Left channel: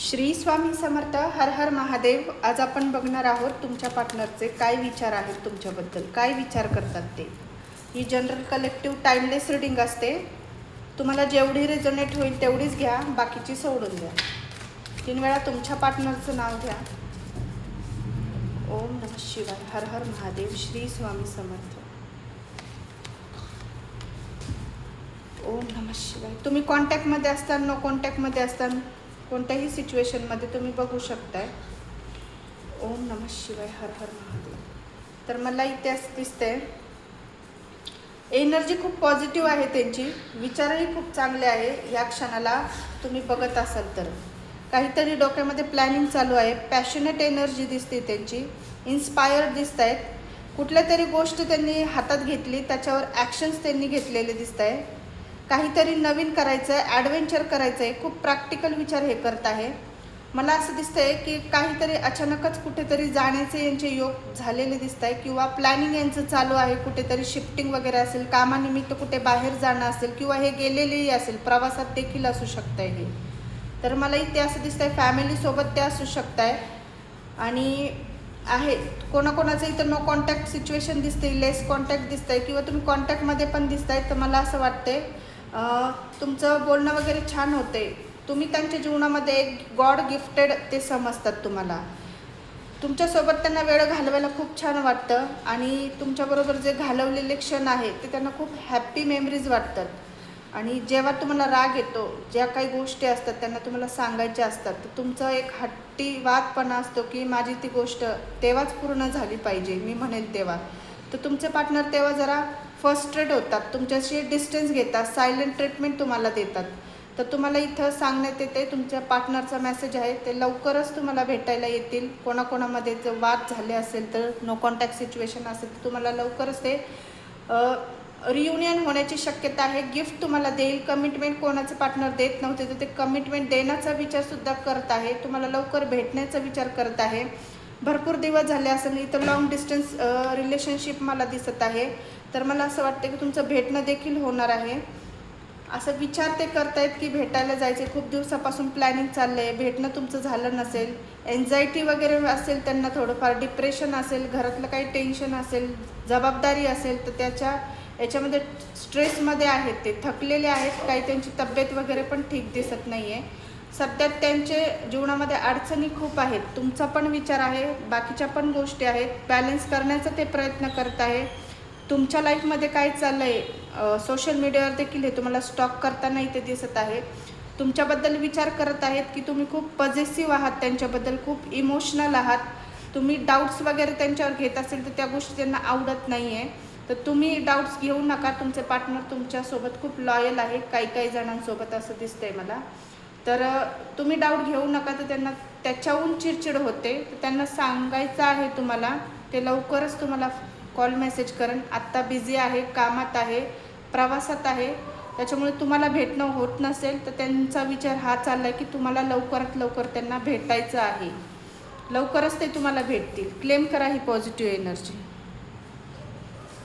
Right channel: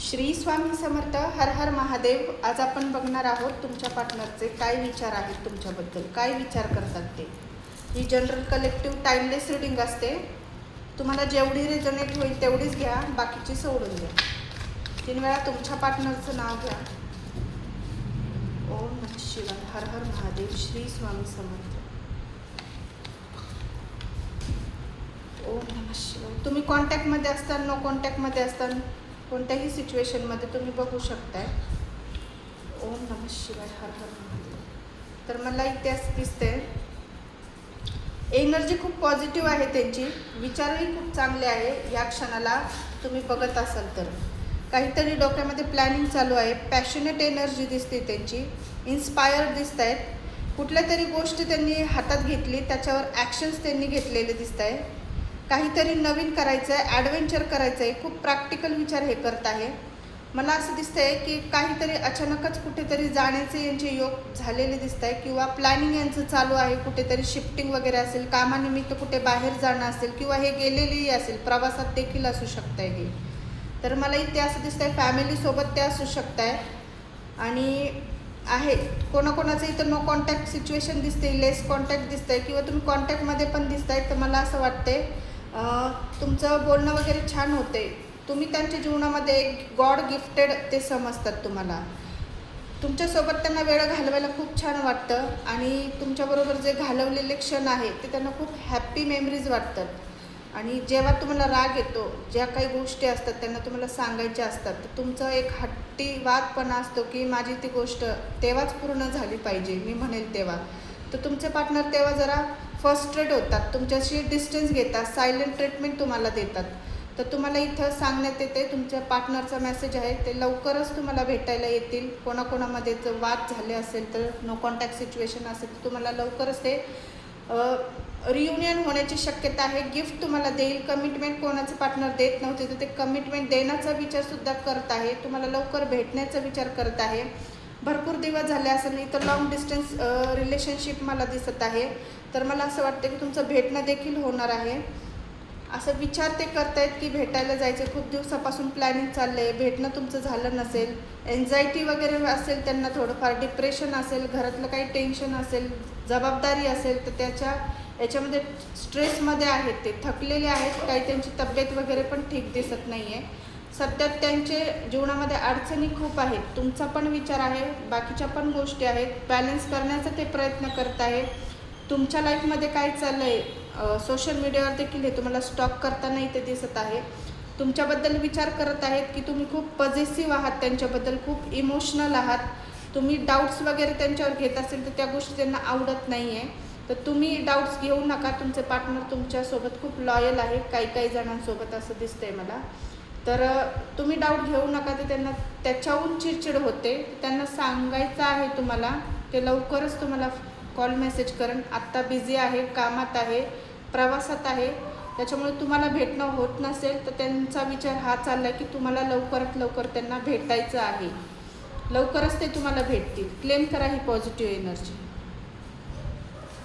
श्री स्वामी समर्थ. हर हर महादेव. आज आपण बघणार आहोत तुमच्या पार्टनरचे काय विचार आहेत तुमच्याबद्दल, काय विचार करतात ते. ही जनरल कलेक्टिव्ह टाइमलेस रीडिंग असते. तुम्हाला जेवढी रिझनेट होईल तेवढीच घ्या, बाकीची सोडून द्या. 3 वेळा तुमच्या पार्टनरचं नाव घ्या. ओम नमः शिवाय. हर हर महादेव. श्री स्वामी समर्थ. ओम नमः शिवाय. तुम्ही कॉन्टॅक्टमध्ये असताना, नो कॉन्टॅक्टमध्ये असताना, कोणत्याही सिच्युएशनमध्ये तुम्ही बघू शकताय. ओम नमः शिवाय. हर हर महादेव. तर मला इथे असं दिसतंय एनर्जी खूप पॉझिटिव्ह आहे त्यांची, विचारही खूप चांगले आहे. या क्षणाला तुम्ही बघत असाल तर काहीतरी डोक्यामध्ये प्लॅनिंग चालू आहे. पॅशनेट एनर्जी दिसते त्यांची, इन्स्पायर्ड दिसत आहेत. कुठल्या तरी गोष्ट त्यांनी हातात घेतली, त्याच्यावर ॲक्शन्स त्यांनी घेतलेले दिसत आहे. काहीतरी नवीन करायचं आहे, ॲडव्हेंचर करायचं आहे. खूप प्रॅक्टिकल विचार हे करत आहे. मला असं दिसतंय की काहीतरी अचानकच कुठेतरी जाण्याचे यांचे योग झालेले दिसत आहे, किंवा प्लॅनिंग यांचं चालू आहे. कुठेतरी शिफ्टिंग वगैरे असेल, कामानिमित्त कुठे बाहेर जाणं असेल, किंवा हे गेलेलेही असेल, प्रवासात देखील असू शकतं हे. तर मला इथे असं दिसतंय फॅमिलीसोबत ते असू शकत आहे. आणि आहे कोणाकोणाचं इथं नो कॉन्टॅक्ट सिच्युएशन दिसते, लेस कॉन्टॅक्ट दिसतंय, किंवा तुम्ही कॉन्टॅक्टमध्ये पण दिसताय. तर मला असं वाटतंय तुमचं बोलणं वगैरे छान होते. तुम्ही त्यांच्या जीवनामध्ये एक गॉड गिफ्टेड ते समजतात. तुम्हाला तुमच्यासोबत त्यांना वेळ घालवायला खूप छान वाटतं, आणि तुमच्याबरोबर जे घालवलेले क्षण आहे ते त्यांना खूप हॅप्पी मेमरीज वाटतात. आणि जेव्हा तुम्हाला राग येतो, ज्या काही गोष्टी असतात त्यांना तुम्हाला सांगायच्या असतात, तर तुमचं एक हट्टीवादपणा असतो की माझी ती गोष्ट तेव्हाच पूर्ण झाली पाहिजे, मी म्हणेल तेव्हा. तर तुमचे पार्टनर तेव्हा जरा फ्रस्ट्रेट होतात, तुमच्याशी डिस्टन्स घेतात, सायलेंट ट्रीटमेंट तुम्हाला देतात. तर तुम्हाला इथं सांगण्यात येते, तुमच्या पार्टनरचा मेसेज आहे ते लवकरच तुम्हाला भेटायला येतील. कोणाकोणामध्ये जर वाद झाले असेल, तर नो कॉन्टॅक्ट सिच्युएशन असेल, तर तुम्हाला लवकरच ते रियुनियन होण्याची शक्यता आहे. गिफ्ट तुम्हाला देईल. कमिटमेंट कोणाचं पार्टनर देत नव्हते, तर ते कमिटमेंट देण्याचा विचारसुद्धा करत आहे. तुम्हाला लवकर भेटण्याचा विचार करत आहे. भरपूर दिवस झाले असेल, इतर लॉंग डिस्टन्स रिलेशनशिप मला दिसत आहे. तर मला असं वाटतं की तुमचं भेटणं देखील होणार आहे. असं विचार ते करतायत की भेटायला जायचे. खूप दिवसापासून प्लॅनिंग चाललं आहे, भेटणं तुमचं झालं नसेल. एन्झायटी वगैरे असेल त्यांना, थोडंफार डिप्रेशन असेल, घरातलं काही टेन्शन असेल, जबाबदारी असेल, तर याच्यामध्ये स्ट्रेसमध्ये आहेत, ते थकलेले आहेत. काही त्यांची तब्येत वगैरे पण ठीक दिसत नाही आहे. सध्या त्यांचे जीवनामध्ये अडचणी खूप आहेत. तुमचा पण विचार आहे, बाकीच्या पण गोष्टी आहेत. बॅलन्स करण्याचा ते प्रयत्न करत आहे. तुमच्या लाईफमध्ये काय चाललं आहे, सोशल मीडियावर देखील हे तुम्हाला स्टॉक करताना इथे दिसत आहे. तुमच्याबद्दल विचार करत आहेत की तुम्ही खूप पॉझिटिव्ह आहात, त्यांच्याबद्दल खूप इमोशनल आहात. तुम्ही डाऊट्स वगैरे त्यांच्यावर घेत असेल तर त्या गोष्टी त्यांना आवडत नाही आहे. तर तुम्ही डाऊट्स घेऊ नका. तुमचे पार्टनर तुमच्यासोबत खूप लॉयल आहे. काही जणांसोबत असं दिसतंय मला. तर तुम्ही डाऊट घेऊ नका. तर त्यांना त्याच्याहून चिडचिड होते. त्यांना सांगायचं आहे तुम्हाला, ते लवकरच तुम्हाला कॉल मेसेज करेन. आत्ता बिझी आहे, कामात आहे, प्रवासात आहे. त्याच्यामुळे तुम्हाला भेटणं होत नसेल, तर त्यांचा विचार हा चालला आहे की तुम्हाला लवकरात लवकर त्यांना भेटायचं आहे. लवकरच ते तुम्हाला भेटतील. क्लेम करा ही पॉझिटिव्ह एनर्जी.